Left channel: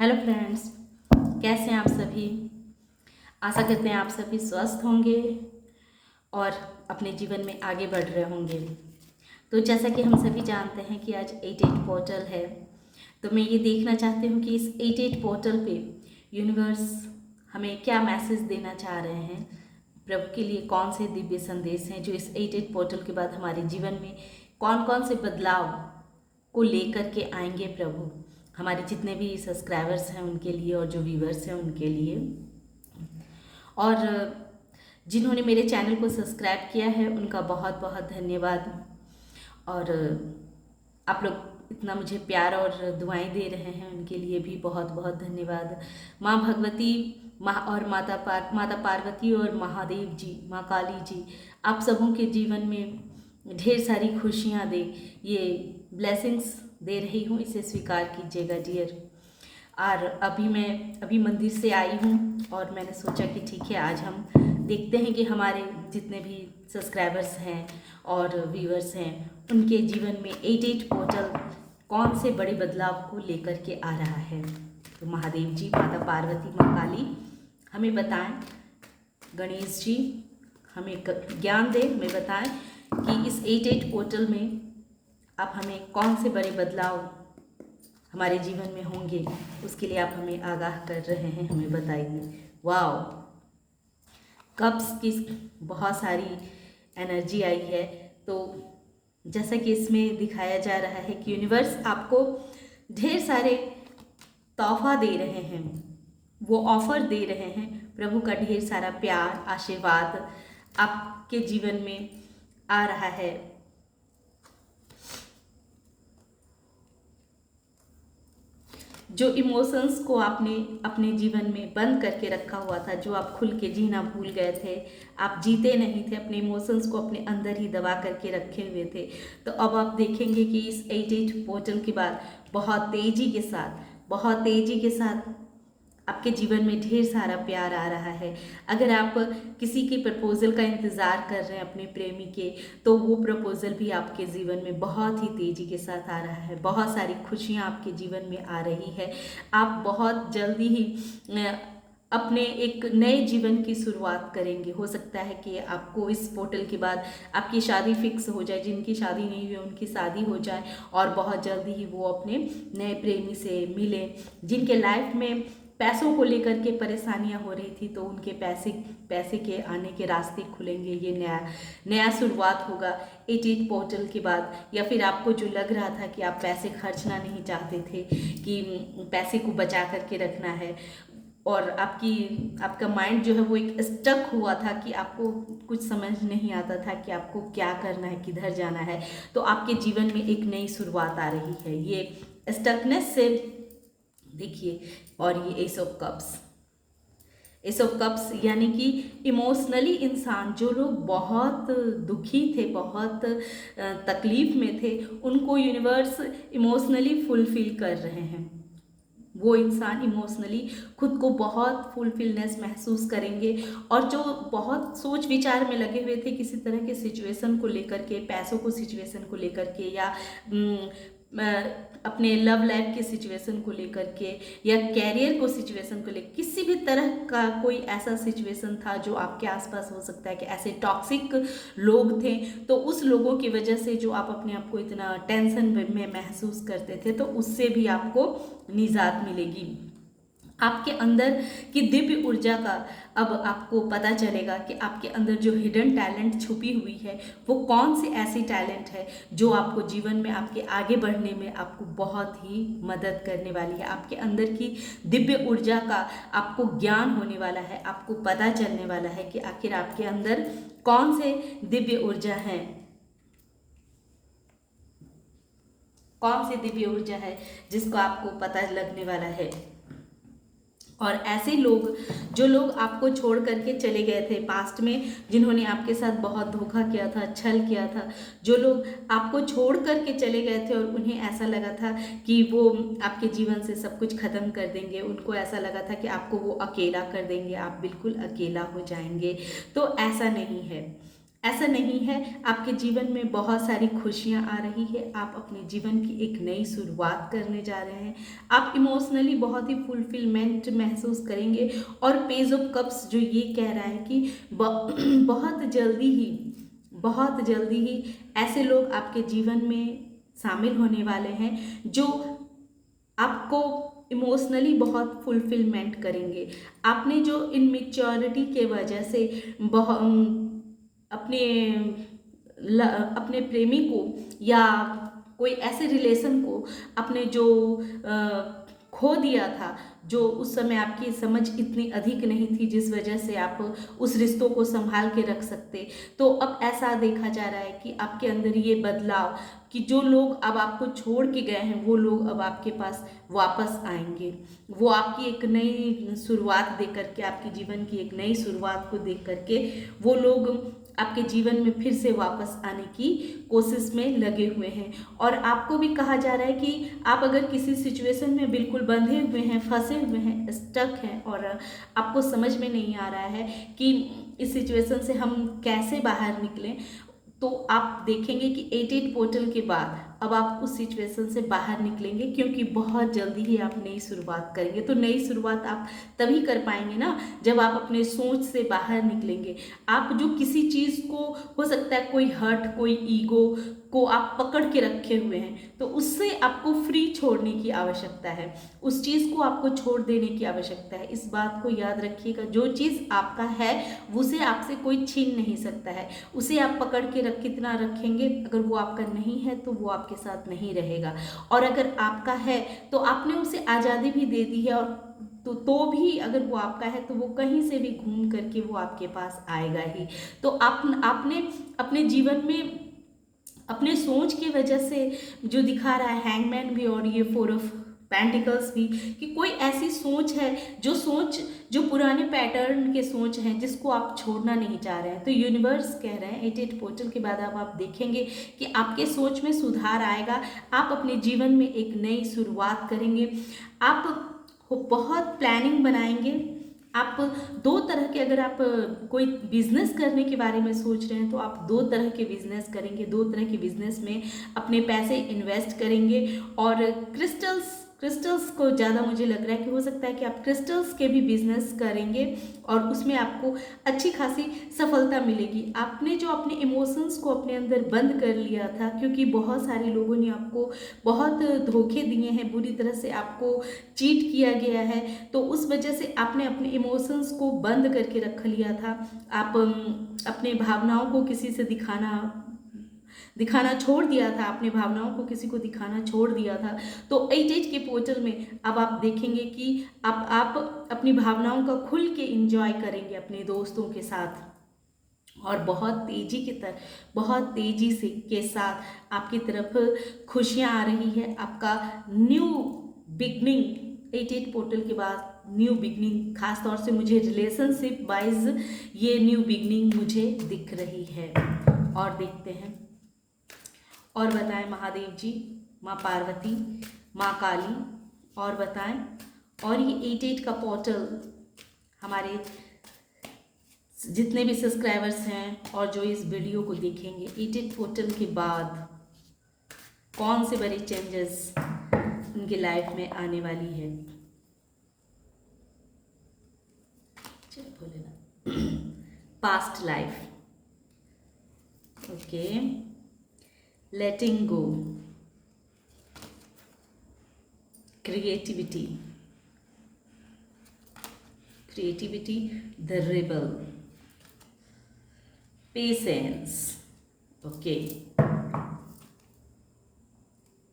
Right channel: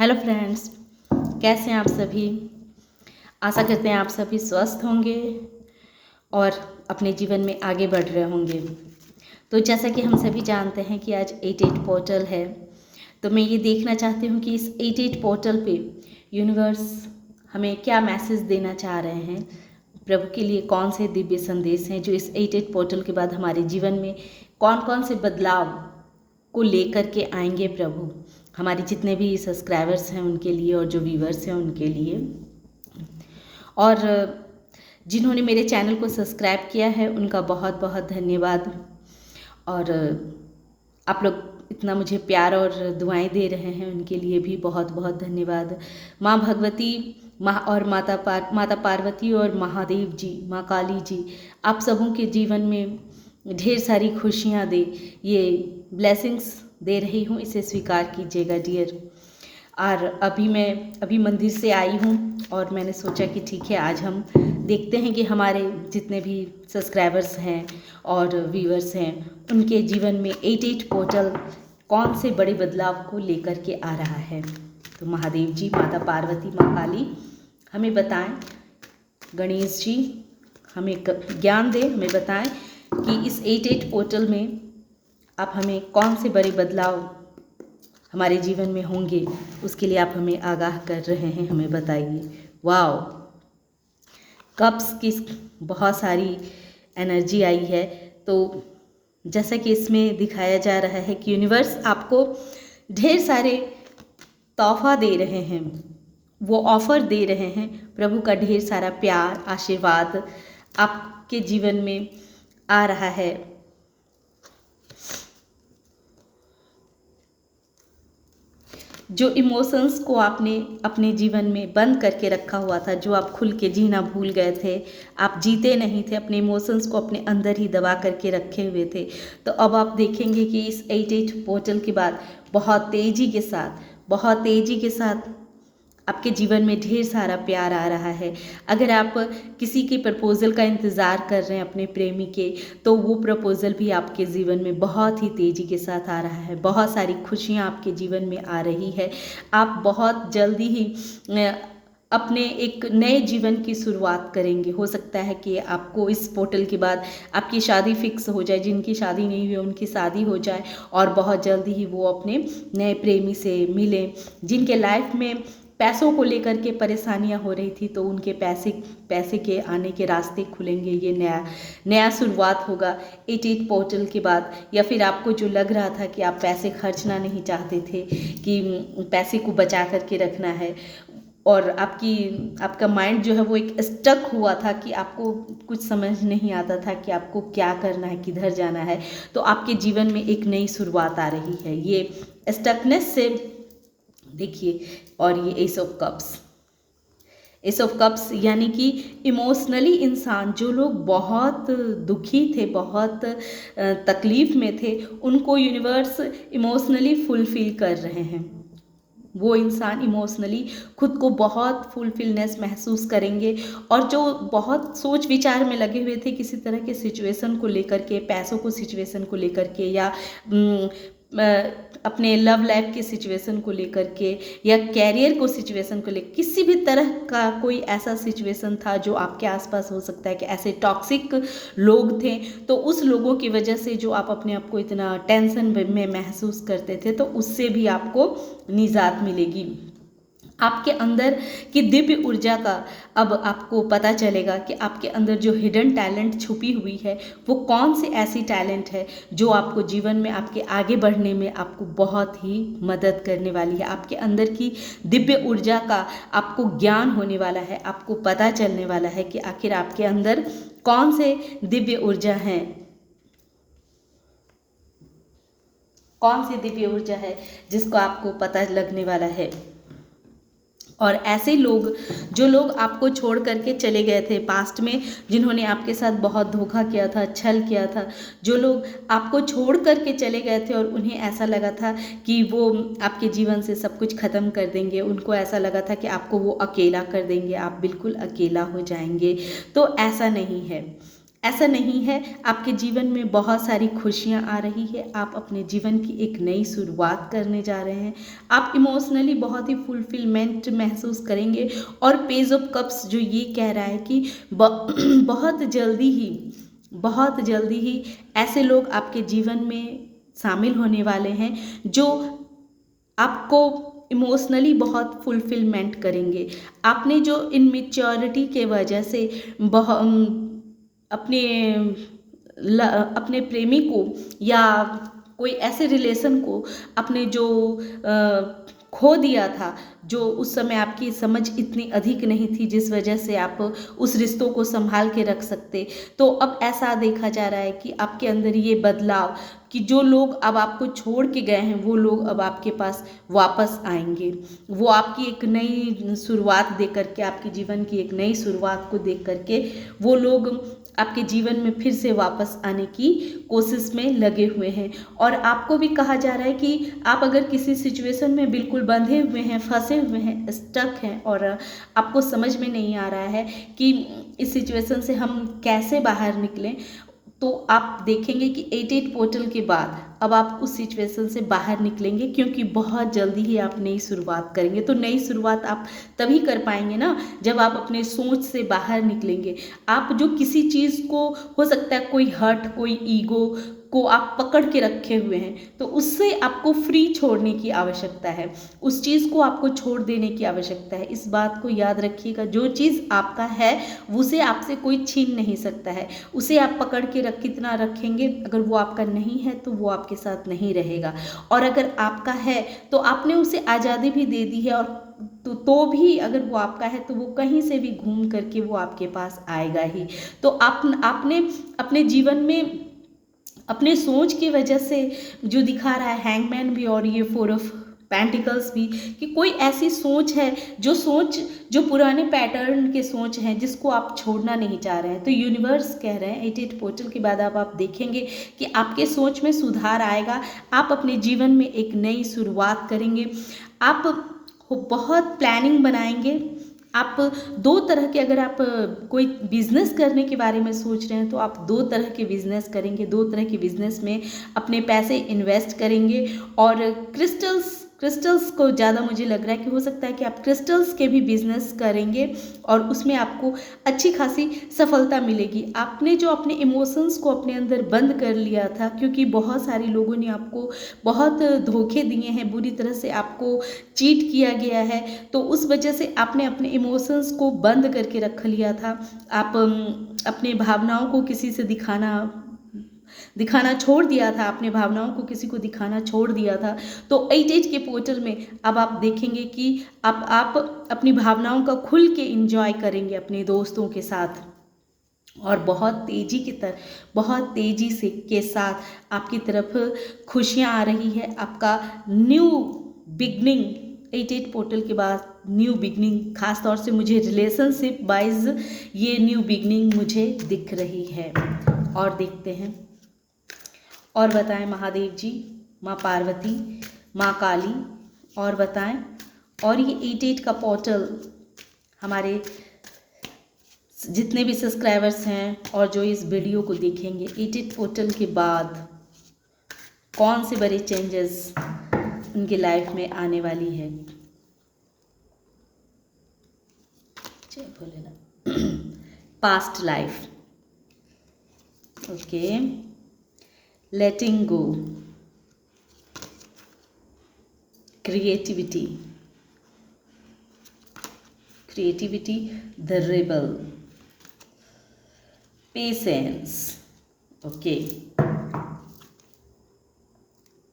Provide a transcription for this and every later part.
Hello friends, कैसे हैं आप सभी। आशा करते हैं आप सभी स्वस्थ होंगे और अपने जीवन में आगे बढ़ रहे होंगे। तो जैसा कि हम सभी जानते हैं कि आज 88 पोर्टल है, तो मैं ये देखना चाहती हूँ कि इस 88 पोर्टल पे यूनिवर्स हमें क्या मैसेज देना चाह रहे हैं। प्रभु के लिए कौन से दिव्य संदेश हैं जो इस 88 पोर्टल के बाद हमारे जीवन में कौन कौन से बदलाव को लेकर के आएंगे प्रभु, हमारे जितने भी सब्सक्राइबर्स हैं उनके लिए और जो व्यूवर्स हैं उनके लिए, और जिन्होंने मेरे चैनल को सब्सक्राइब किया है उनका बहुत बहुत धन्यवाद। और आप लोग इतना मुझे प्यार और दुआएं दे रहे हैं उनके लिए भी बहुत बहुत धन्यवाद। माँ भगवती और माता पार्वती और महादेव जी, माँ काली जी, आप सबों के जीवन में ढेर सारी खुशियाँ दे, ये ब्लेसिंग्स दे रही हूँ, इसे स्वीकार कीजिएगा डियर। और अभी मंदिर से आई हूँ और मैंने सोचा कि ठीक है, आज हम देखते हैं कि हमारे जितने भी सब्सक्राइबर्स हैं और व्यूअर्स हैं उनके जीवन में 88 पोर्टल कौन से बड़े बदलाव को लेकर के आ रहा है। तो महादेव जी, माता पार्वती, माँ काली हमें बताएं, गणेश जी हमें ज्ञान दें, हमें बताएं कि इस 88 पोर्टल में आप हमें कौन से बड़े बदलाव हमारे जीवन में होंगे, उसके लिए आप हमें आगाह कर रहे हैं, हमें बताइए। वाओ, कप्स की बहुत सारी एनर्जी आई है। तो जैसा कि इसमें दिखाया जा रहा है कि यूनिवर्स आपको ढेर सारे तोहफा दे रहे हैं, वो ऑफ़र दे रहे हैं। प्रभु का ढेर सारा प्यार, आशीर्वाद आपके जीवन में आ रहा है। जो इमोशंस को आपने अपने जीवन में बंद करके रखा हुआ था, जो आप खुल के जीना भूल गए थे, आप जीते नहीं थे, अपने इमोशंस को अपने अंदर ही दबा करके रखे हुए थे, तो अब आप देखेंगे कि इस 88 पोर्टल के बाद बहुत तेज़ी के साथ आपके जीवन में ढेर सारा प्यार आ रहा है। अगर आप किसी की प्रपोज़ल का इंतज़ार कर रहे हैं अपने प्रेमी के, तो वो प्रपोज़ल भी आपके जीवन में बहुत ही तेज़ी के साथ आ रहा है। बहुत सारी खुशियाँ आपके जीवन में आ रही है। आप बहुत जल्दी ही अपने एक नए जीवन की शुरुआत करेंगे। हो सकता है कि आपको इस पोर्टल के बाद आपकी शादी फिक्स हो जाए, जिनकी शादी नहीं हुई उनकी शादी हो जाए, और बहुत जल्दी ही वो अपने नए प्रेमी से मिलें। जिनके लाइफ में पैसों को लेकर के परेशानियां हो रही थी, तो उनके पैसे के आने के रास्ते खुलेंगे। ये नया शुरुआत होगा 88 पोर्टल के बाद। या फिर आपको जो लग रहा था कि आप पैसे खर्चना नहीं चाहते थे, कि पैसे को बचा करके रखना है, और आपका माइंड जो है वो एक स्टक हुआ था कि आपको कुछ समझ नहीं आता था कि आपको क्या करना है, किधर जाना है, तो आपके जीवन में एक नई शुरुआत आ रही है ये स्टकनेस से। देखिए, और ये एस ऑफ कप्स यानी कि इमोशनली इंसान, जो लोग बहुत दुखी थे, बहुत तकलीफ़ में थे, उनको यूनिवर्स इमोशनली फुलफ़िल कर रहे हैं। वो इंसान इमोशनली खुद को बहुत फुलफिलनेस महसूस करेंगे, और जो बहुत सोच विचार में लगे हुए थे किसी तरह के सिचुएशन को लेकर के, पैसों को सिचुएशन को लेकर के, या अपने लव लाइफ के सिचुएशन को लेकर के, या कैरियर को सिचुएशन को लेकर, किसी भी तरह का कोई ऐसा सिचुएशन था जो आपके आसपास हो सकता है कि ऐसे टॉक्सिक लोग थे, तो उस लोगों की वजह से जो आप अपने आप को इतना टेंशन में महसूस करते थे, तो उससे भी आपको निजात मिलेगी। आपके अंदर की दिव्य ऊर्जा का अब आपको पता चलेगा कि आपके अंदर जो हिडन टैलेंट छुपी हुई है, वो कौन सी ऐसी टैलेंट है जो आपको जीवन में आपके आगे बढ़ने में आपको बहुत ही मदद करने वाली है। आपके अंदर की दिव्य ऊर्जा का आपको ज्ञान होने वाला है, आपको पता चलने वाला है कि आखिर आपके अंदर कौन से दिव्य ऊर्जा हैं, कौन सी दिव्य ऊर्जा है जिसको आपको पता लगने वाला है। और ऐसे लोग, जो लोग आपको छोड़ करके चले गए थे पास्ट में, जिन्होंने आपके साथ बहुत धोखा किया था, छल किया था, जो लोग आपको छोड़ करके चले गए थे और उन्हें ऐसा लगा था कि वो आपके जीवन से सब कुछ ख़त्म कर देंगे, उनको ऐसा लगा था कि आपको वो अकेला कर देंगे, आप बिल्कुल अकेला हो जाएंगे, तो ऐसा नहीं है। ऐसा नहीं है, आपके जीवन में बहुत सारी खुशियाँ आ रही है, आप अपने जीवन की एक नई शुरुआत करने जा रहे हैं, आप इमोशनली बहुत ही फुलफिलमेंट महसूस करेंगे। और पेज ऑफ कप्स जो ये कह रहा है कि बहुत जल्दी ही ऐसे लोग आपके जीवन में शामिल होने वाले हैं जो आपको इमोशनली बहुत फुलफिलमेंट करेंगे। आपने जो इनमेच्योरिटी के वजह से अपने अपने प्रेमी को या कोई ऐसे रिलेशन को अपने जो खो दिया था, जो उस समय आपकी समझ इतनी अधिक नहीं थी जिस वजह से आप उस रिश्तों को संभाल के रख सकते, तो अब ऐसा देखा जा रहा है कि आपके अंदर ये बदलाव कि जो लोग अब आपको छोड़ के गए हैं वो लोग अब आपके पास वापस आएंगे। वो आपकी एक नई शुरुआत देख करके, आपके जीवन की एक नई शुरुआत को देख करके वो लोग आपके जीवन में फिर से वापस आने की कोशिश में लगे हुए हैं। और आपको भी कहा जा रहा है कि आप अगर किसी सिचुएशन में बिल्कुल बंधे हुए हैं, फंसे हुए हैं, स्टक हैं और आपको समझ में नहीं आ रहा है कि इस सिचुएशन से हम कैसे बाहर निकलें, तो आप देखेंगे कि 88 पोर्टल के बाद अब आप उस सिचुएशन से बाहर निकलेंगे, क्योंकि बहुत जल्दी ही आप नई शुरुआत करेंगे। तो नई शुरुआत आप तभी कर पाएंगे ना जब आप अपने सोच से बाहर निकलेंगे। आप जो किसी चीज़ को, हो सकता है कोई हर्ट, कोई ईगो को आप पकड़ के रखे हुए हैं, तो उससे आपको फ्री छोड़ने की आवश्यकता है, उस चीज़ को आपको छोड़ देने की आवश्यकता है। इस बात को याद रखिएगा, जो चीज़ आपका है उसे आपसे कोई छीन नहीं सकता है। उसे आप पकड़ के कितना रखेंगे, अगर वो आपका नहीं है तो वो आपके साथ नहीं रहेगा, और अगर आपका है तो आपने उसे आज़ादी भी दे दी है, और तो भी अगर वो आपका है तो वो कहीं से भी घूम करके वो आपके पास आएगा ही। तो आपने अपने जीवन में अपने सोच की वजह से जो दिखा रहा है हैंगमैन भी और ये 4 ऑफ पेंटिकल्स भी, कि कोई ऐसी सोच है जो पुराने पैटर्न के सोच हैं जिसको आप छोड़ना नहीं चाह रहे हैं। तो यूनिवर्स कह रहे हैं 88 पोर्टल के बाद अब आप देखेंगे कि आपके सोच में सुधार आएगा, आप अपने जीवन में एक नई शुरुआत करेंगे, आप बहुत प्लानिंग बनाएंगे। आप 2 तरह के, अगर आप कोई बिजनेस करने के बारे में सोच रहे हैं तो आप 2 तरह के बिजनेस करेंगे, 2 तरह के बिजनेस में अपने पैसे इन्वेस्ट करेंगे। और क्रिस्टल्स को ज़्यादा मुझे लग रहा है कि हो सकता है कि आप क्रिस्टल्स के भी बिजनेस करेंगे और उसमें आपको अच्छी खासी सफलता मिलेगी। आपने जो अपने इमोशंस को अपने अंदर बंद कर लिया था, क्योंकि बहुत सारे लोगों ने आपको बहुत धोखे दिए हैं, बुरी तरह से आपको चीट किया गया है, तो उस वजह से आपने अपने इमोशंस को बंद करके रख लिया था। आप अपने भावनाओं को किसी से दिखाना छोड़ दिया था, अपने भावनाओं को किसी को दिखाना छोड़ दिया था। तो 88 के पोर्टल में अब आप देखेंगे कि आप अपनी भावनाओं का खुल के एंजॉय करेंगे अपने दोस्तों के साथ, और बहुत तेजी से के साथ आपकी तरफ खुशियाँ आ रही है। आपका न्यू बिगनिंग 88 पोर्टल के बाद न्यू बिगनिंग, खास तौर से मुझे रिलेशनशिप वाइज ये न्यू बिगनिंग मुझे दिख रही है। और देखते हैं और बताएं महादेव जी, माँ पार्वती, माँ काली, और बताएं। और ये 88 का पोर्टल हमारे जितने भी सब्सक्राइबर्स हैं और जो इस वीडियो को देखेंगे, 88 पोर्टल के बाद कौन से बड़े चेंजेस उनके लाइफ में आने वाली है। Past life, okay, letting go, creativity, the rebel, patience, okay,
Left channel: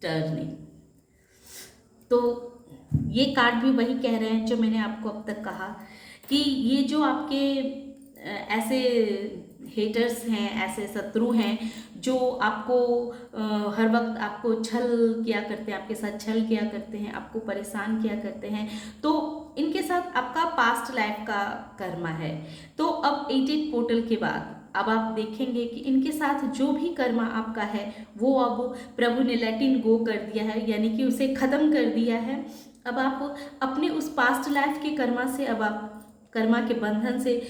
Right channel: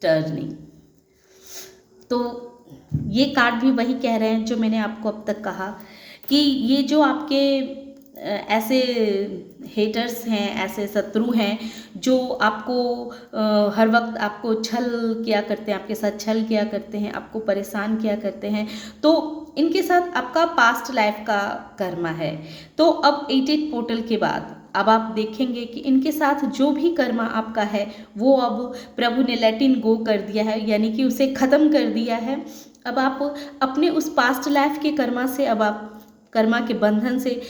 turning। तो ये कार्ड भी वही कह रहे हैं जो मैंने आपको अब तक कहा, कि ये जो आपके ऐसे हेटर्स हैं, ऐसे शत्रु हैं जो आपको हर वक्त आपको छल किया करते हैं, आपके साथ छल किया करते हैं, आपको परेशान किया करते हैं, तो इनके साथ आपका पास्ट लाइफ का कर्मा है। तो अब 88 पोर्टल के बाद अब आप देखेंगे कि इनके साथ जो भी कर्मा आपका है वो अब प्रभु ने लेटिन गो कर दिया है, यानी कि उसे ख़त्म कर दिया है। अब आप अपने उस पास्ट लाइफ के कर्मा से, अब आप कर्मा के बंधन से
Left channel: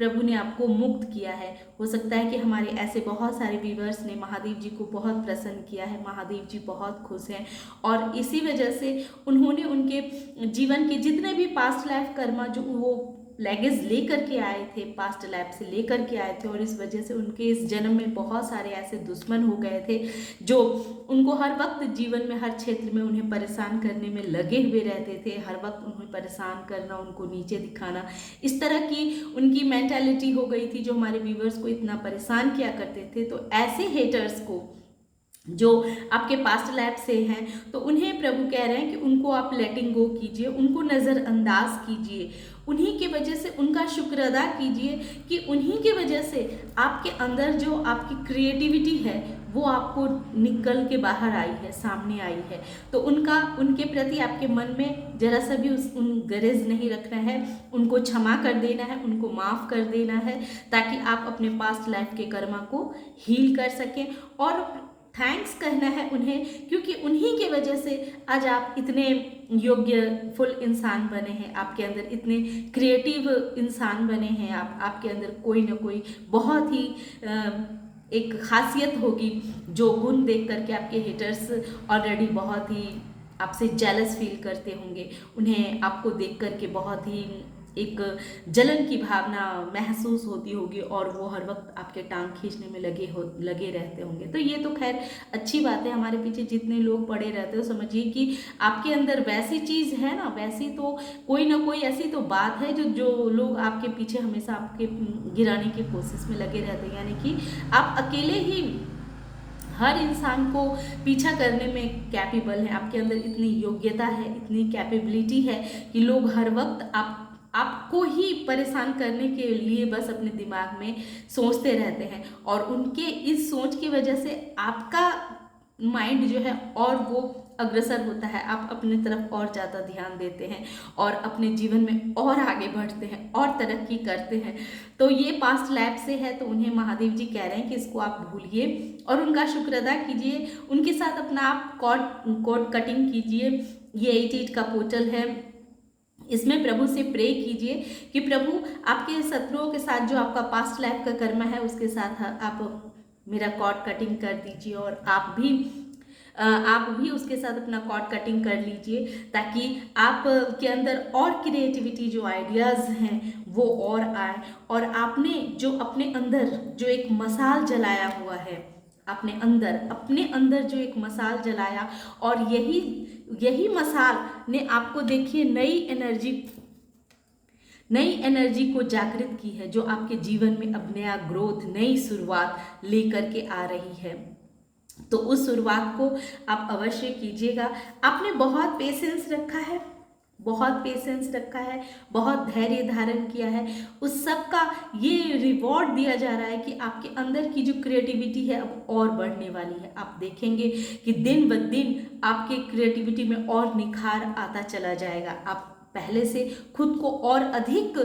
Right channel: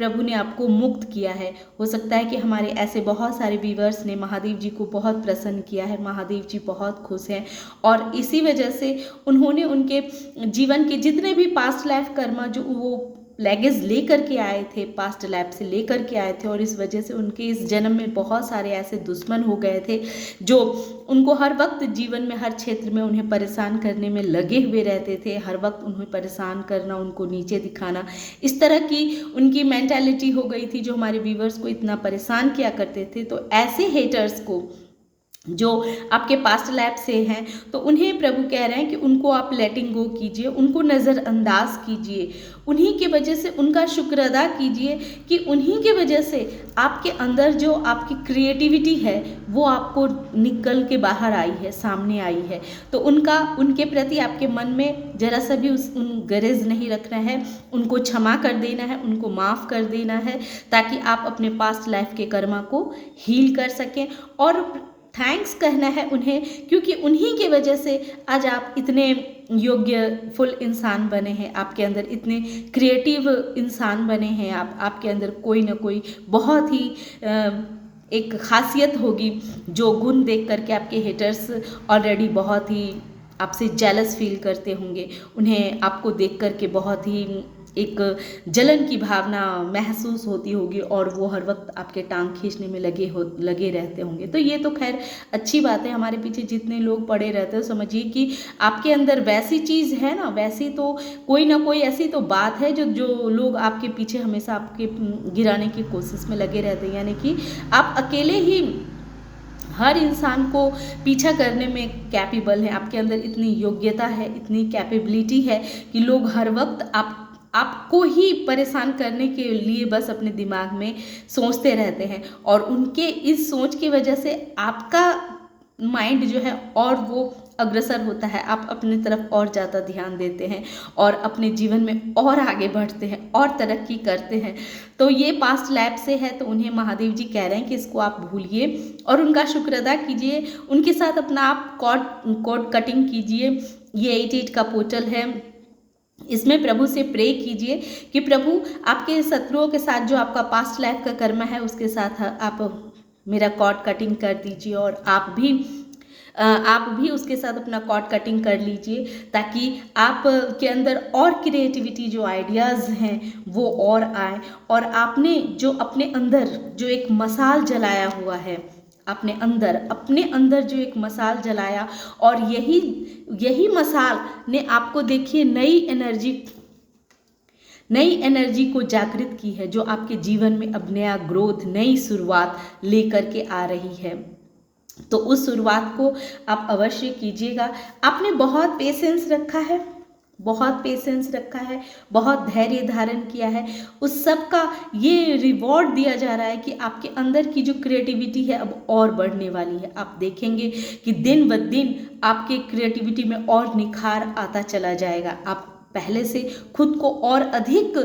प्रभु ने आपको मुक्त किया है। हो सकता है कि हमारे ऐसे बहुत सारे व्यूअर्स ने महादेव जी को बहुत प्रसन्न किया है, महादेव जी बहुत खुश हैं और इसी वजह से उन्होंने उनके जीवन के जितने भी पास्ट लाइफ कर्मा जो वो लेगेज लेकर के आए थे, पास्ट लाइफ से लेकर के आए थे, और इस वजह से उनके इस जन्म में बहुत सारे ऐसे दुश्मन हो गए थे जो उनको हर वक्त जीवन में हर क्षेत्र में उन्हें परेशान करने में लगे हुए रहते थे। हर वक्त उन्हें परेशान करना, उनको नीचे दिखाना, इस तरह की उनकी मेंटालिटी हो गई थी जो हमारे व्यूवर्स को इतना परेशान किया करते थे। तो ऐसे हेटर्स को जो आपके पास्ट लाइफ से हैं, तो उन्हें प्रभु कह रहे हैं कि उनको आप लेटिंग गो कीजिए, उनको नज़रअंदाज कीजिए, उन्हीं की वजह से उनका शुक्र अदा कीजिए कि उन्हीं की वजह से आपके अंदर जो आपकी क्रिएटिविटी है वो आपको निकल के बाहर आई है, सामने आई है। तो उनके प्रति आपके मन में जरा सा भी गरज नहीं रखना है, उनको क्षमा कर देना है, उनको माफ़ कर देना है, ताकि आप अपने पास्ट लाइफ के कर्मा को हील कर सकें और थैंक्स कहना है उन्हें, क्योंकि उन्हीं के वजह से आज आप इतने योग्य फुल इंसान बने हैं, आपके अंदर इतने क्रिएटिव इंसान बने हैं। आपके अंदर कोई ना कोई बहुत ही एक खासियत होगी जो गुण देख करके आपके हेटर्स ऑलरेडी बहुत ही आपसे जेलस फील करते होंगे। उन्हें आपको देख करके बहुत ही एक जलन की भावना महसूस होती होगी और वो हर वक्त आपके टांग खींचने में लगे रहते होंगे। तो ये तो खैर अच्छी बात है, हमारे पीछे जितने लोग पड़े रहते हो समझिए कि आपके अंदर वैसी चीज़ है ना, वैसी तो कोई ना कोई ऐसी तो बात है जो लोग आपके पीछे हमेशा आपके गिराने की कोशिश में लगे रहते हैं। यानी कि आप अकेले ही हर इंसान को पीछा करने में कैपेबल हैं, आपके अंदर इतनी योग्यता है, इतनी कैपेबिलिटी है कि लोग हर वक्त आपको ही परेशान करने के लिए बस अपने दिमाग में सोचते रहते हैं और उनके इस सोच की वजह से आपका माइंड जो है और वो अग्रसर होता है, आप अपनी तरफ और ज़्यादा ध्यान देते हैं और अपने जीवन में और आगे बढ़ते हैं और तरक्की करते हैं। तो ये पास्ट लाइफ से है, तो उन्हें महादेव जी कह रहे हैं कि इसको आप भूलिए और उनका शुक्र अदा कीजिए, उनके साथ अपना आप कॉर्ड कटिंग कीजिए। ये 88 का पोर्टल है, इसमें प्रभु से प्रे कीजिए कि प्रभु आपके शत्रुओं के साथ जो आपका पास्ट लाइफ का कर्म है उसके साथ आप मेरा कॉर्ड कटिंग कर दीजिए और आप भी उसके साथ अपना कॉर्ड कटिंग कर लीजिए, ताकि आप के अंदर और क्रिएटिविटी जो आइडियाज़ हैं वो और आए और आपने जो अपने अंदर जो एक मसाल जलाया हुआ है, अपने अंदर जो एक मसाल जलाया और यही मसाल ने आपको देखिए नई एनर्जी को जागृत की है, जो आपके जीवन में अब नया ग्रोथ, नई शुरुआत लेकर के आ रही है। तो उस शुरुआत को आप अवश्य कीजिएगा। आपने बहुत पेशेंस रखा है, बहुत धैर्य धारण किया है, उस सब का ये रिवॉर्ड दिया जा रहा है कि आपके अंदर की जो क्रिएटिविटी है अब और बढ़ने वाली है। आप देखेंगे कि दिन ब दिन आपके क्रिएटिविटी में और निखार आता चला जाएगा। आप पहले से खुद को और अधिक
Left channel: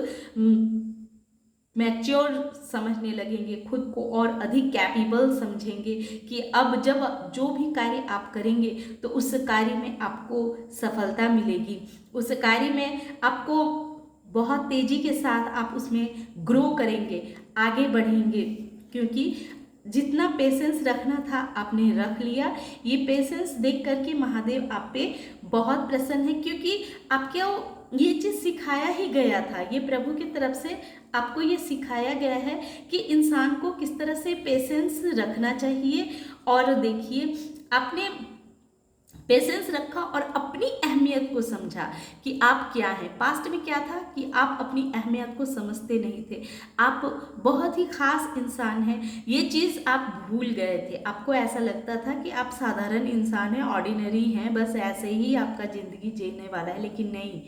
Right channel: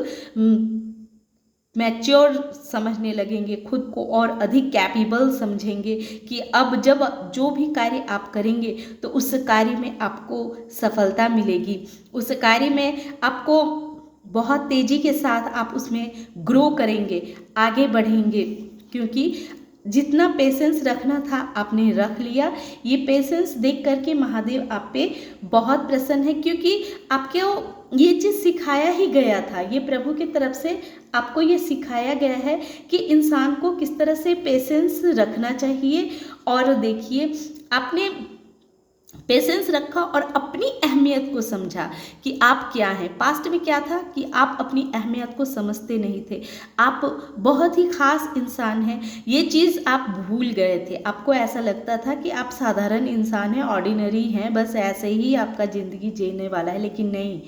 मैच्योर समझने लगेंगे, खुद को और अधिक कैपेबल समझेंगे कि अब जब जो भी कार्य आप करेंगे तो उस कार्य में आपको सफलता मिलेगी, उस कार्य में आपको बहुत तेज़ी के साथ आप उसमें ग्रो करेंगे, आगे बढ़ेंगे, क्योंकि जितना पेशेंस रखना था आपने रख लिया। ये पेशेंस देख करके महादेव आप पे बहुत प्रसन्न है, क्योंकि आपको ये चीज़ सिखाया ही गया था, ये प्रभु की तरफ से आपको ये सिखाया गया है कि इंसान को किस तरह से पेशेंस रखना चाहिए। और देखिए आपने पेशेंस रखा और अपनी अहमियत को समझा कि आप क्या हैं। पास्ट में क्या था कि आप अपनी अहमियत को समझते नहीं थे, आप बहुत ही खास इंसान हैं, ये चीज़ आप भूल गए थे। आपको ऐसा लगता था कि आप साधारण इंसान हैं, ऑर्डिनरी हैं, बस ऐसे ही आपका ज़िंदगी जीने वाला है, लेकिन नहीं,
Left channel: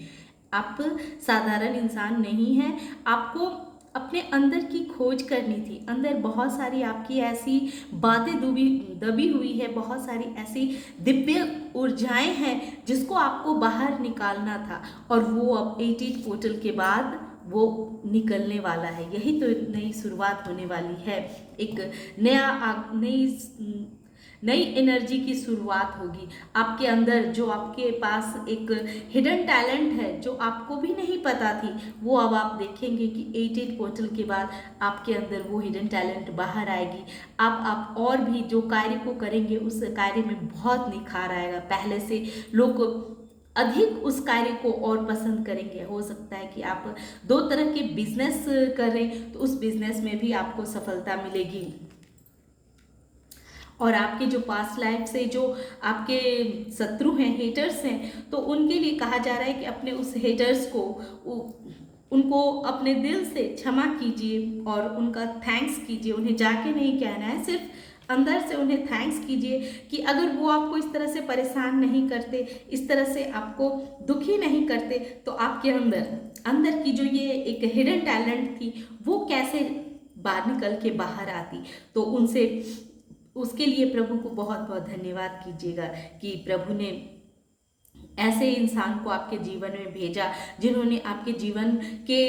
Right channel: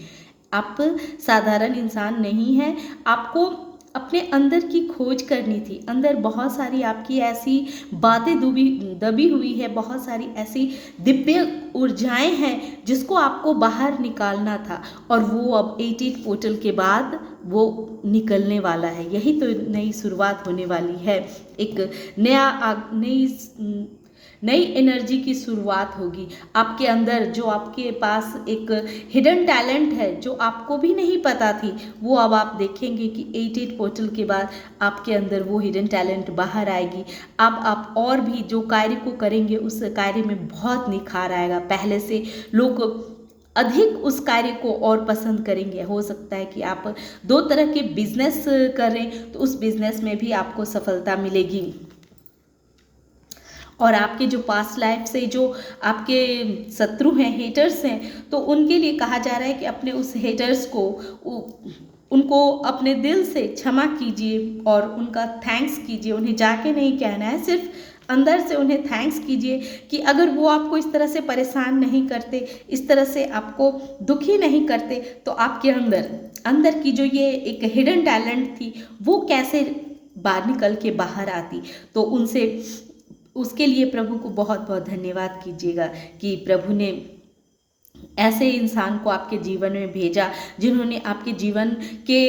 आप साधारण इंसान नहीं हैं। आपको अपने अंदर की खोज करनी थी, अंदर बहुत सारी आपकी ऐसी बातें दबी हुई है, बहुत सारी ऐसी दिव्य ऊर्जाएं हैं जिसको आपको बाहर निकालना था, और वो अब 88 पोर्टल के बाद वो निकलने वाला है। यही तो नई शुरुआत होने वाली है, एक नई एनर्जी की शुरुआत होगी। आपके अंदर जो आपके पास एक हिडन टैलेंट है जो आपको भी नहीं पता थी, वो अब आप देखेंगे कि 88 पोर्टल के बाद आपके अंदर वो हिडन टैलेंट बाहर आएगी। अब आप और भी जो कार्य को करेंगे उस कार्य में बहुत निखार आएगा। पहले से लोग अधिक उस कार्य को और पसंद करेंगे। हो सकता है कि आप 2 तरह के बिजनेस करें तो उस बिजनेस में भी आपको सफलता मिलेगी। और आपके जो पास्ट लाइफ से जो आपके शत्रु हैं, हेटर्स हैं, तो उनके लिए कहा जा रहा है कि अपने उस हेटर्स को उनको अपने दिल से क्षमा कीजिए और उनका थैंक्स कीजिए। उन्हें जाके नहीं कहना है, सिर्फ अंदर से उन्हें थैंक्स कीजिए कि अगर वो आपको इस तरह से परेशान नहीं करते, इस तरह से आपको दुखी नहीं करते, तो आपके अंदर की जो ये एक हिडन टैलेंट थी वो कैसे बाहर निकल के बाहर आती। तो उनसे उसके लिए प्रभु को बहुत बहुत धन्यवाद कीजिएगा कि प्रभु ने ऐसे इंसान को आपके जीवन में भेजा जिन्होंने आपके जीवन के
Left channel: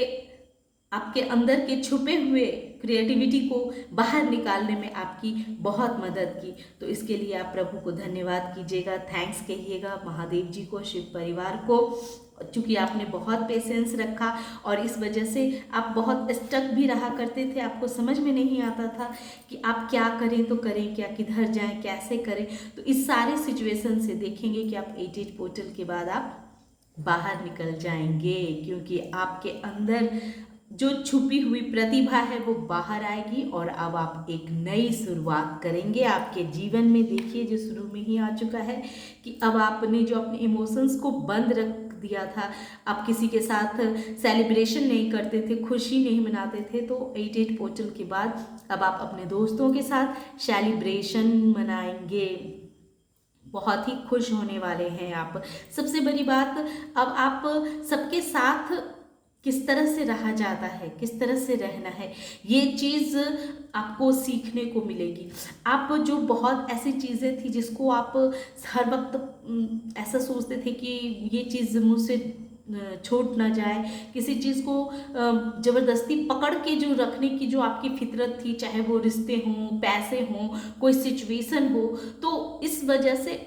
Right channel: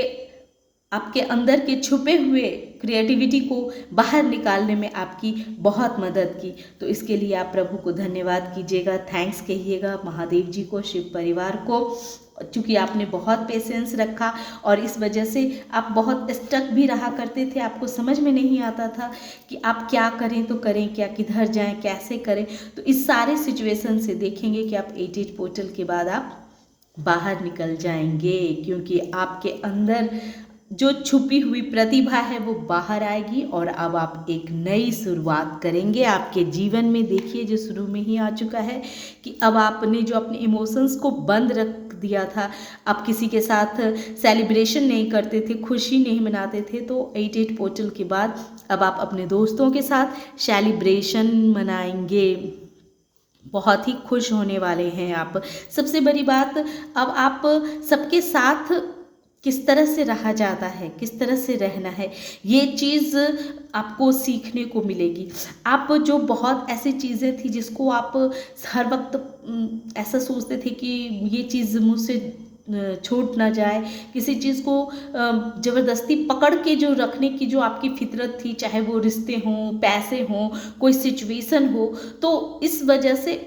आपके अंदर के छुपे हुए क्रिएटिविटी को बाहर निकालने में आपकी बहुत मदद की। तो इसके लिए आप प्रभु को धन्यवाद कीजिएगा, थैंक्स कहिएगा महादेव जी को, शिव परिवार को, चूँकि आपने बहुत पेशेंस रखा और इस वजह से आप बहुत स्टक भी रहा करते थे। आपको समझ में नहीं आता था कि आप क्या करें तो करें क्या, किधर जाएं, कैसे करें। तो इस सारे सिचुएशन से देखेंगे कि आप 88 पोर्टल के बाद आप बाहर निकल जाएंगे, क्योंकि आपके अंदर जो छुपी हुई प्रतिभा है वो बाहर आएगी और अब आप एक नई शुरुआत करेंगे आपके जीवन में। देखिए जो शुरू में ही आ चुका है कि अब आपने जो अपने इमोशंस को बंद रख दिया था, आप किसी के साथ सेलिब्रेशन नहीं करते थे, खुशी नहीं मनाते थे, तो 88 पोर्टल के बाद अब आप अपने दोस्तों के साथ सेलिब्रेशन मनाएंगे। बहुत ही खुश होने वाले हैं आप। सबसे बड़ी बात, अब आप सबके साथ किस तरह से रहा जाता है, किस तरह से रहना है, ये चीज़ आपको सीखने को मिलेगी। आप जो बहुत ऐसी चीज़ें थी जिसको आप हर वक्त ऐसा सोचते थे कि ये चीज़ मुझसे छूट ना जाए, किसी चीज़ को ज़बरदस्ती पकड़ के जो रखने की जो आपकी फितरत थी, चाहे वो रिश्ते हों, पैसे हों, कोई सिचुएशन हो, तो इस वजह से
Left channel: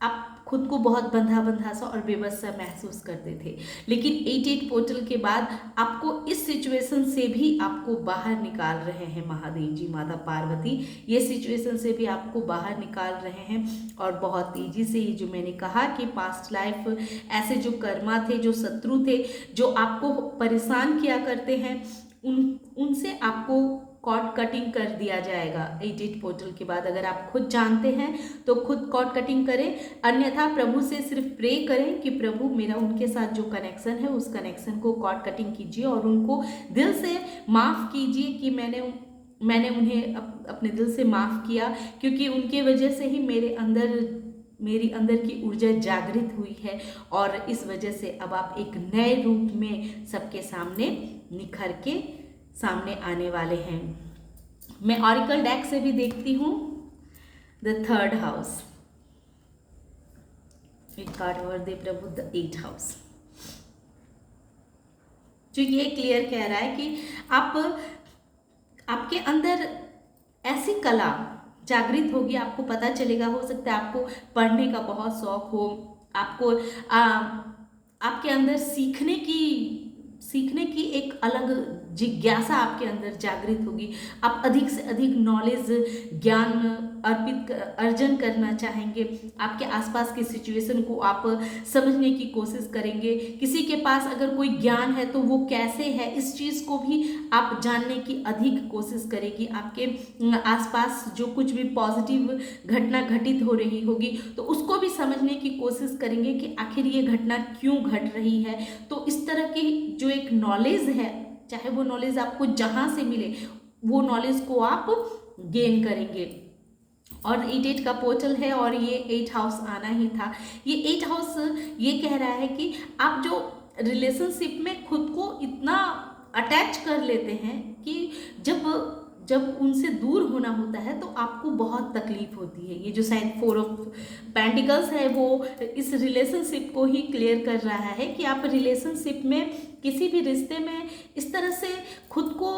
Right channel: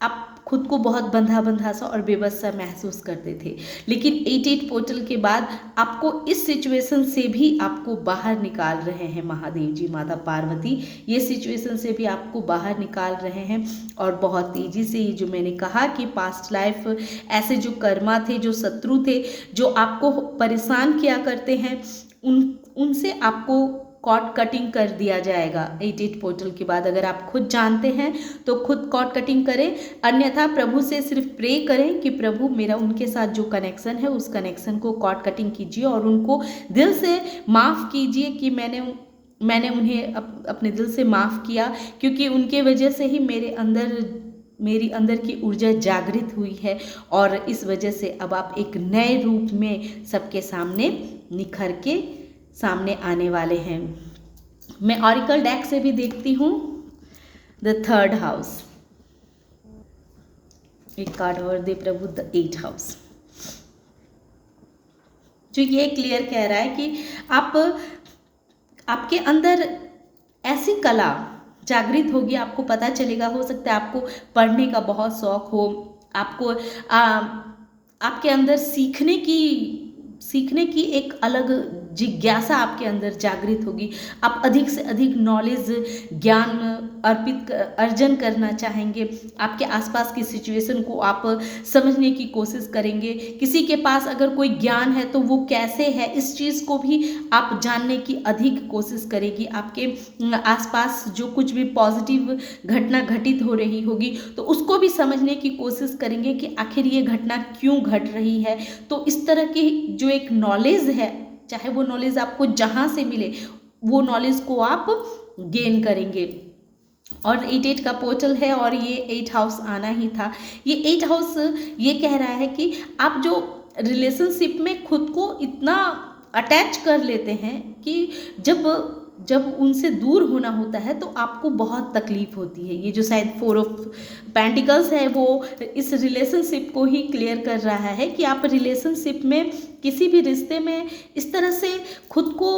आप खुद को बहुत बंधा बंधा सा और बेबस सा महसूस करते थे। लेकिन 88 पोर्टल के बाद आपको इस सिचुएशन से भी आपको बाहर निकाल रहे हैं महादेव जी, माता पार्वती ये सिचुएशन से भी आपको बाहर निकाल रहे हैं। और बहुत तेज़ी से, ये जो मैंने कहा कि पास्ट लाइफ ऐसे जो कर्मा थे, जो शत्रु थे, जो आपको परेशान किया करते हैं, उनसे आपको कॉर्ड कटिंग कर दिया जाएगा 88 पोर्टल के बाद। अगर आप खुद जानते हैं तो खुद कॉर्ड कटिंग करें, अन्यथा प्रभु से सिर्फ प्रे करें कि प्रभु मेरा उनके साथ जो कनेक्शन है उस कनेक्शन को कॉर्ड कटिंग कीजिए और उनको दिल से माफ़ कीजिए कि मैंने उन्हें अपने दिल से माफ़ किया, क्योंकि उनके वजह से ही मेरी अंदर की ऊर्जा जागृत हुई है और इस वजह से अब आप एक नए रूप में सबके सामने निखर के सामने आने वाले हैं। मैं ऑरिकल डेक से भी देखती हूँ द 3rd हाउस। एक कार्ड और दे प्रभु, द 8th हाउस, जो ये क्लियर कह रहा है कि आपके अंदर ऐसी कला जागृत होगी, आपको पता चलेगा। हो सकता है आपको पढ़ने का बहुत शौक हो, आपको आपके अंदर सीखने की एक अलग जिज्ञासा आपके अंदर जागृत होगी। आप अधिक से अधिक नॉलेज, ज्ञान अर्जन करना चाहेंगे। आपके आसपास की सिचुएशन को आप समझने की कोशिश करेंगे। किसी के पास अगर कोई ज्ञान है तो वो कैसे है, इस चीज़ को भी आप जानने की अधिक कोशिश करेगी। आपके आसपास जो कुछ भी पॉजिटिव घटना घटित हो रही होगी तो उसको भी समझने की कोशिश करेंगे कि आखिर ये घटना क्यों घट रही है। तो इस तरह की जो एक नॉलेज है, चाहे वो नॉलेज आपको जहाँ से मिले, वो नॉलेज को आप गेन करेंगे। और 88 का पोर्टल है और ये 8th हाउस आना ही था। ये 8th हाउस ये कह रहा है कि आप जो रिलेशनशिप में खुद को इतना अटैच कर लेते हैं कि जब जब उनसे दूर होना होता है तो आपको बहुत तकलीफ होती है। ये जो शायद 4 ऑफ पेंटिकल्स है वो इस रिलेशनशिप को ही क्लियर कर रहा है कि आप रिलेशनशिप में, किसी भी रिश्ते में इस तरह से खुद को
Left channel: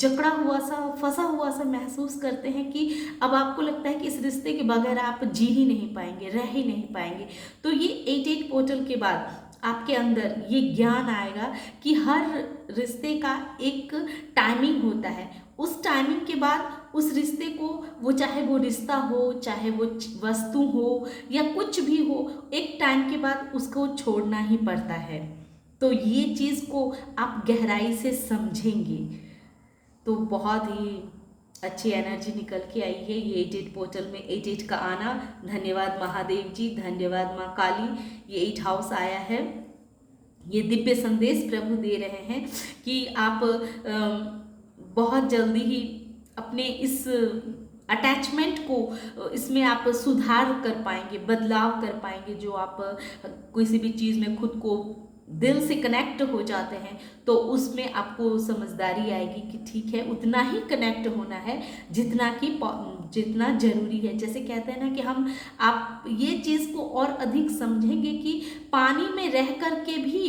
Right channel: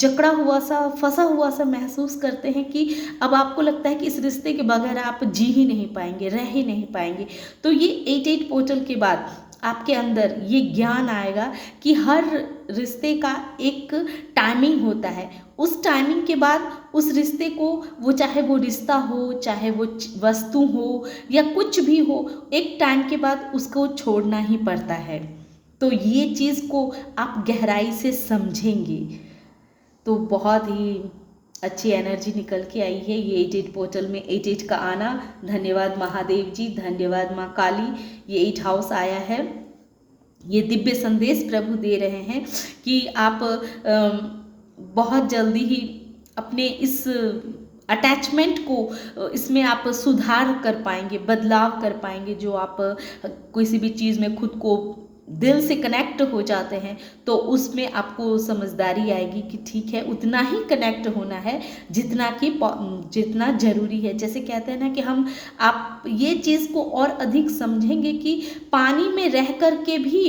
जकड़ा हुआ सा, फंसा हुआ सा महसूस करते हैं कि अब आपको लगता है कि इस रिश्ते के बगैर आप जी ही नहीं पाएंगे, रह ही नहीं पाएंगे। तो ये 8-8 पोर्टल के बाद आपके अंदर ये ज्ञान आएगा कि हर रिश्ते का एक टाइमिंग होता है। उस टाइमिंग के बाद उस रिश्ते को, वो चाहे वो रिश्ता हो, चाहे वो वस्तु हो या कुछ भी हो, एक टाइम के बाद उसको छोड़ना ही पड़ता है। तो ये चीज़ को आप गहराई से समझेंगे तो बहुत ही अच्छी एनर्जी निकल के आई है। ये 8-8 पोर्टल में 8-8 का आना, धन्यवाद महादेव जी, धन्यवाद माँ काली। ये 8 हाउस आया है। ये दिव्य संदेश प्रभु दे रहे हैं कि आप बहुत जल्दी ही अपने इस अटैचमेंट को, इसमें आप सुधार कर पाएंगे, बदलाव कर पाएंगे। जो आप किसी भी चीज़ में खुद को दिल से कनेक्ट हो जाते हैं तो उसमें आपको समझदारी आएगी कि ठीक है, उतना ही कनेक्ट होना है जितना ज़रूरी है। जैसे कहते हैं ना कि आप ये चीज़ को और अधिक समझेंगे कि पानी में रह कर के भी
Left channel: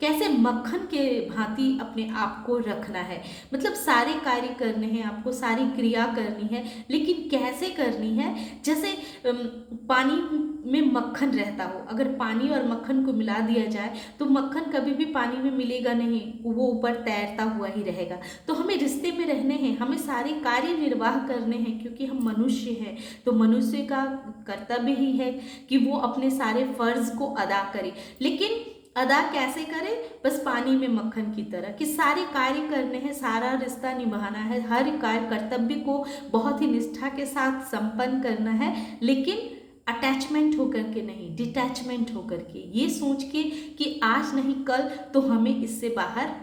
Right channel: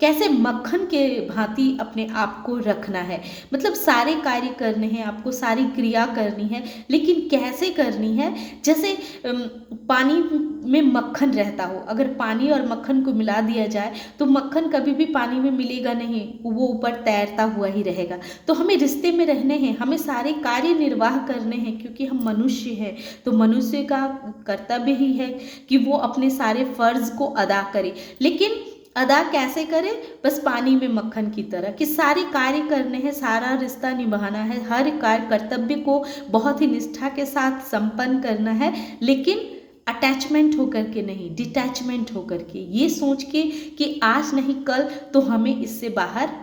कैसे मक्खन के भांति अपने आप को रखना है। मतलब सारे कार्य करने हैं आपको, सारी क्रिया करनी है, लेकिन कैसे करनी है। जैसे पानी में मक्खन रहता हो, अगर पानी और मक्खन को मिला दिया जाए तो मक्खन कभी भी पानी में मिलेगा नहीं, वो ऊपर तैरता हुआ ही रहेगा। तो हमें रिश्ते में रहने हैं, हमें सारे कार्य निर्वाह करने हैं, क्योंकि हम मनुष्य हैं। तो मनुष्य का कर्तव्य ही है कि वो अपने सारे फर्ज को अदा करे। लेकिन अदा कैसे करे? बस पानी में मक्खन की तरह, कि सारे कार्य करने हैं, सारा रिश्ता निभाना है, हर कार्य कर्तव्य को बहुत ही निष्ठा के साथ संपन्न करना है, लेकिन अटैचमेंट होकर के नहीं, डिटैचमेंट होकर के, ये सोच के कि आज नहीं कल तो हमें इससे बाहर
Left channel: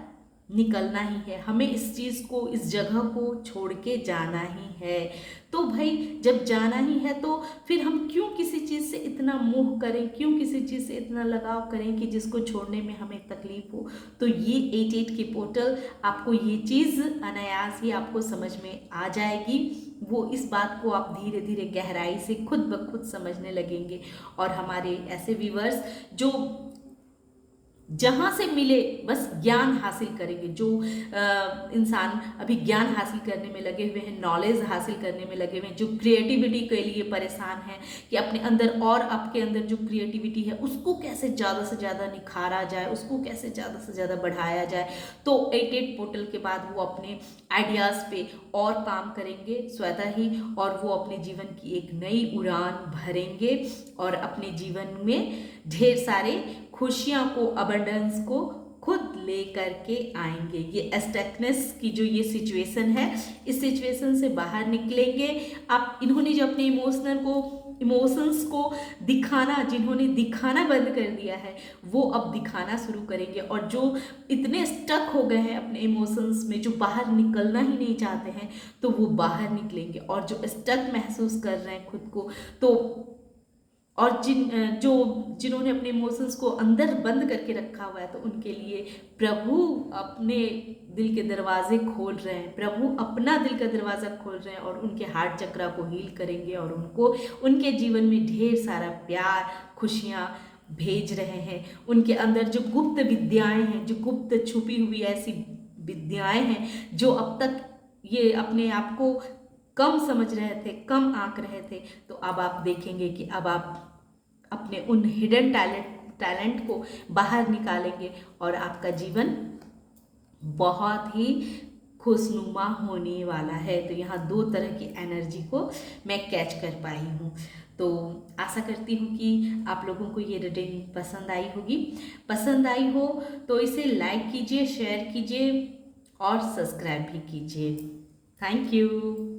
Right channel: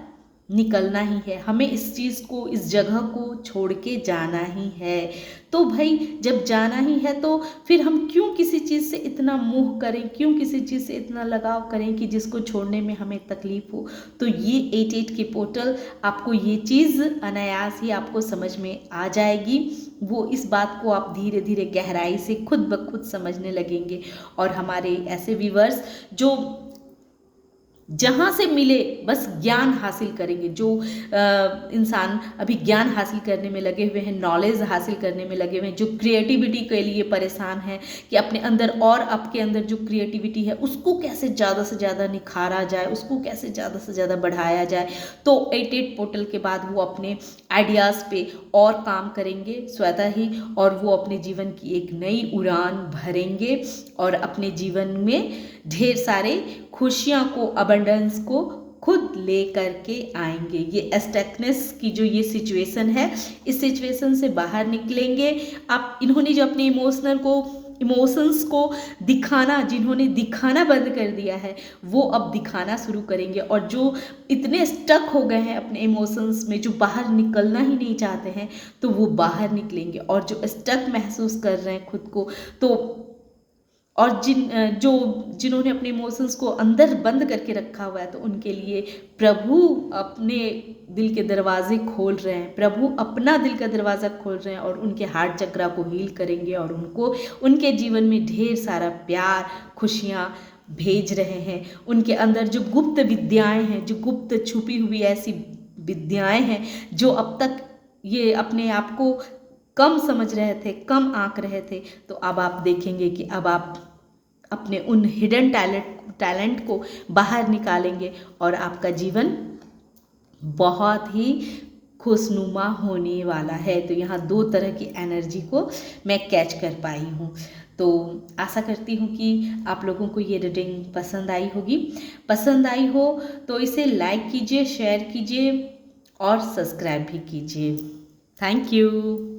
निकलना ही है, हमें इस चीज़ को, इस जगह को छोड़ के जाना ही है। तो भाई जब जाना ही है तो फिर हम क्यों किसी चीज़ से इतना मोह करें, क्यों किसी चीज़ से इतना लगाव करें कि जिसको छोड़ने में हमें तकलीफ हो। तो ये 8-8 के पोर्टल आपको ये चीज़ अनायास ही आपको समझ में आ जाएगी। वो इस बात को आप धीरे धीरे गहराई से खुद ब खुद समझने लगेंगे। और हमारे ऐसे व्यूअर्स जो जहाँ से मिले बस ज्ञान हासिल करेंगे, जो इंसान अभी ज्ञान हासिल करने में लगे हुए हैं, नॉलेज हासिल करने में लगे हुए हैं, जो क्रिएटिविटी के लिए परेशान हैं कि अपने अंदर और आपके अंदर जो क्रिएटिविटी है उसको कैसे ज़्यादा से ज़्यादा निखारा जाए, उसको कैसे ज़्यादा से ज़्यादा बढ़ाया जाए। तो 8-8 पोर्टल के बाद वो अपने आइडियाज़ पे और काम करेंगे स्वतः ही, और वो अपने जीवन की एक नई उड़ान भरेंगे और अपने जीवन में ढेर सारे खुशियाँ को, अबंडेंस को खुद ले करके आएंगे। ये एस्टकनेस की जो ये सिचुएशन है, इस सिचुएशन से बाहर निकलेंगे। आप इन्होंने जो अपने इमोशंस को दिखाना, जिन्होंने दिखाना बंद कर दिया है, वो अब दिखाना शुरू करेंगे। और जो इतने स्टक हो गए हैं अपने इमोशंस में, जो बाहर निकलना ही नहीं चाहते हैं, तो वो बाहर निकलेंगे। और जो स्टक महसूस कर रहे हैं खुद को, तो और जिन्होंने अपने इमोशंस को अंदर बंद करके रखा हुआ है, तो उनके लिए प्रभु अपने दिल के दरवाजे खोल रहे हैं, प्रभु अपना दिल का दरवाज़ा खोल रहे हैं और उनके हार्ट चक्रा को हील करेंगे और उनको उनके जीवन में ढेर सारा प्यार, खुशियाँ भेज रहे हैं। उनके अंदर जो गुप्त विद्याएं हैं, जो गुप्त छुपी हुई ऐसी विद्याएं हैं, जो अब तक ये अपने आप को कम समझ रहे थे, कम आंक रहे थे, तो अब आप देखेंगे कि अब आप अपने उन हिडन टैलेंट को बाहर निकालेंगे और आपका जीवन बहुत ही खुशनुमा होने वाला है। तो यहाँ 2 तरह की एनर्जी को मैं कैच कर पाई हूँ। तो आशा करती हूँ कि आप लोगों को ये रीडिंग पसंद आई होगी। पसंद आई हो तो इसे लाइक कीजिए, शेयर कीजिए और सब्सक्राइब भी कीजिए। Thank you.